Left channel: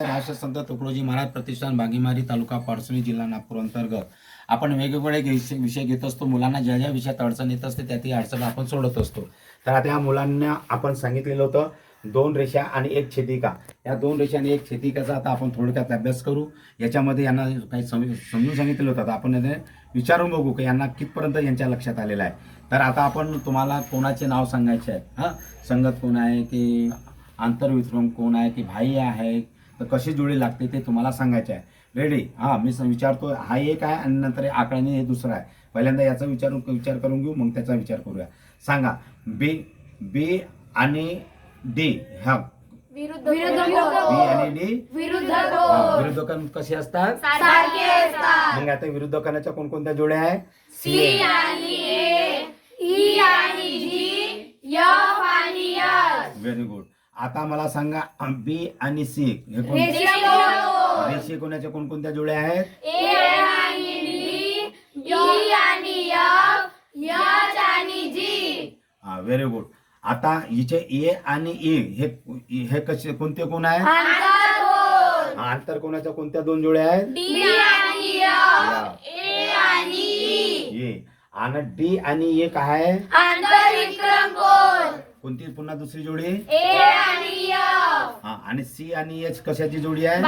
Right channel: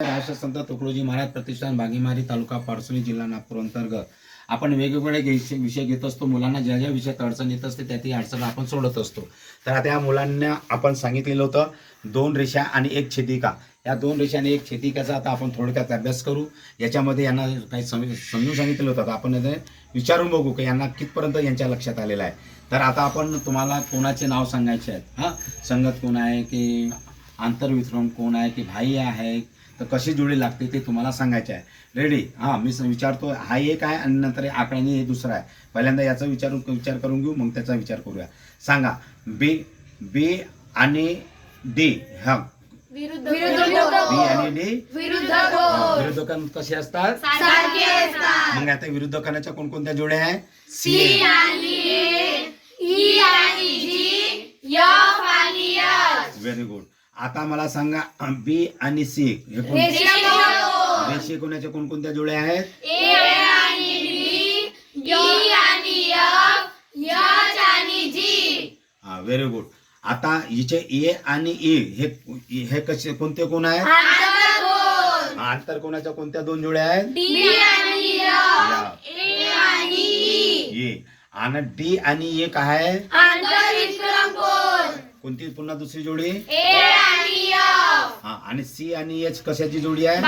राष्ट्रसंत तुकडोजी महाराज प्रतिष्ठान बागेमारी तालुका पारसुणी जिल्हा नागपूर अंतर्गत. आपण वेगवेगळे विषय घेत असतो. मुलांना ज्या ज्या विषयात अडचण येत असते त्या ती अडचण आपण सोडत असतो. तर आता या मुलांना आपण सांगितलेलं होतं दोन रेषा आणि एक छेदिका. या दोन रेषा आणि एक छेदिकाचा आता आपण थोडक्यात अभ्यास करू. याच्यामध्ये यांना काही समजून सांगितलेलं होतं. आपण विचारून बघू की यांना कितपर्यंत यांच्या लक्षात आलेलं आहे. तर आता आपण तुम्हाला कोणाचे नाव सांगायचे आहेत? हां? संगत कोण आहे की आंतरविक्रम कोण आहे की भाई आहे? तर कशी जोडी लागते ते तुम्हाला सांगायचे आहे. रेडी हां मी विचारतो हा एक आहे आणि नंतर हे आकड्याने हे दुसरा आहे. पहिल्यांदा याचा विचार विचार करून घेऊ मग त्याचा विचार करूया. सांगा बी बी आणि डी हा विरुद्ध बी आणि डी विरुद्ध विरुद्धकण कसे असतात? सारखे असतात. मग आता कोणकोणत्या जोड्या आहे सी आणि ए ई आणि जी एफ आणि एच व्हेरी गुड आता मला सांगा बी आणि सी हे कोण? रेषे कोणाच्या कोणकोणत्या जोड्या आहेत? हा व्हेरी गुड आता हिचे ए आणि ई हे हे कसे कोणते कोण आहेत? आंतरकोन आंतर कोणाच्या? कोणत्या दोन जोड्या आहेत? डी आणि एफ ए आणि डी आणि ए काय आहे? कोणती पुन्हा दुसरी जोडी. हा आणि सी आणि एच कशाची जोडी आहे?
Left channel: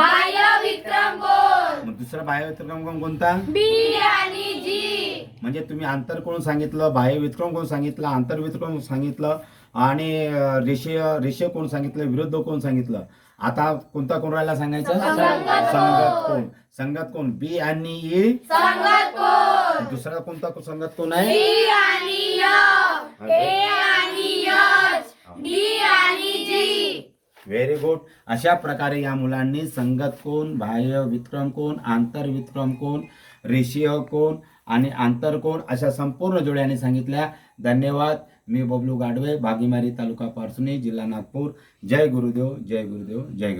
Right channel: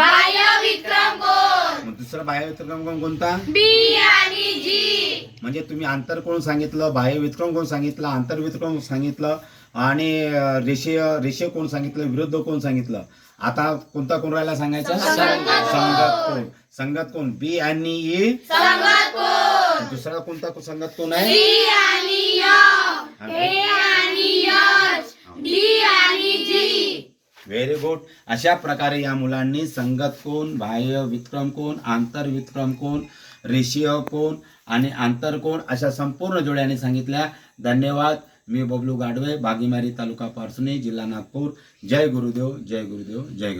मग दुसरा बाह्य विक्रम कोण कोणता? बी आणि जी. म्हणजे तुम्ही आंतर कोण सांगितलं बाह्य विक्रम कोण सांगितलं आंतर विक्रम सांगितलं आणि अं, रेषीय रेषीय कोण सांगितलं विरुद्ध कोण सांगितलं? आता कोणता कोण राहिला सांगायचं? संगत संगत कोण. संगत कोण? बी आणि ई. संगत कोण. दुसरा कोणता संगत कोण आहे? व्हेरी गुड अशा प्रकारे या मुलांनी संगत कोण बाह्य विक्रम कोण आंतर विक्रम कोण रेषीय कोण आणि आंतर कोण अशा संपूर्ण जोड्याने सांगितल्या. धन्यवाद. मी बबलू गाडवे बागीमारी तालुका पारसुनी जिल्हा नागपूर. जय गुरुदेव जय गुरुदेव जय गुरु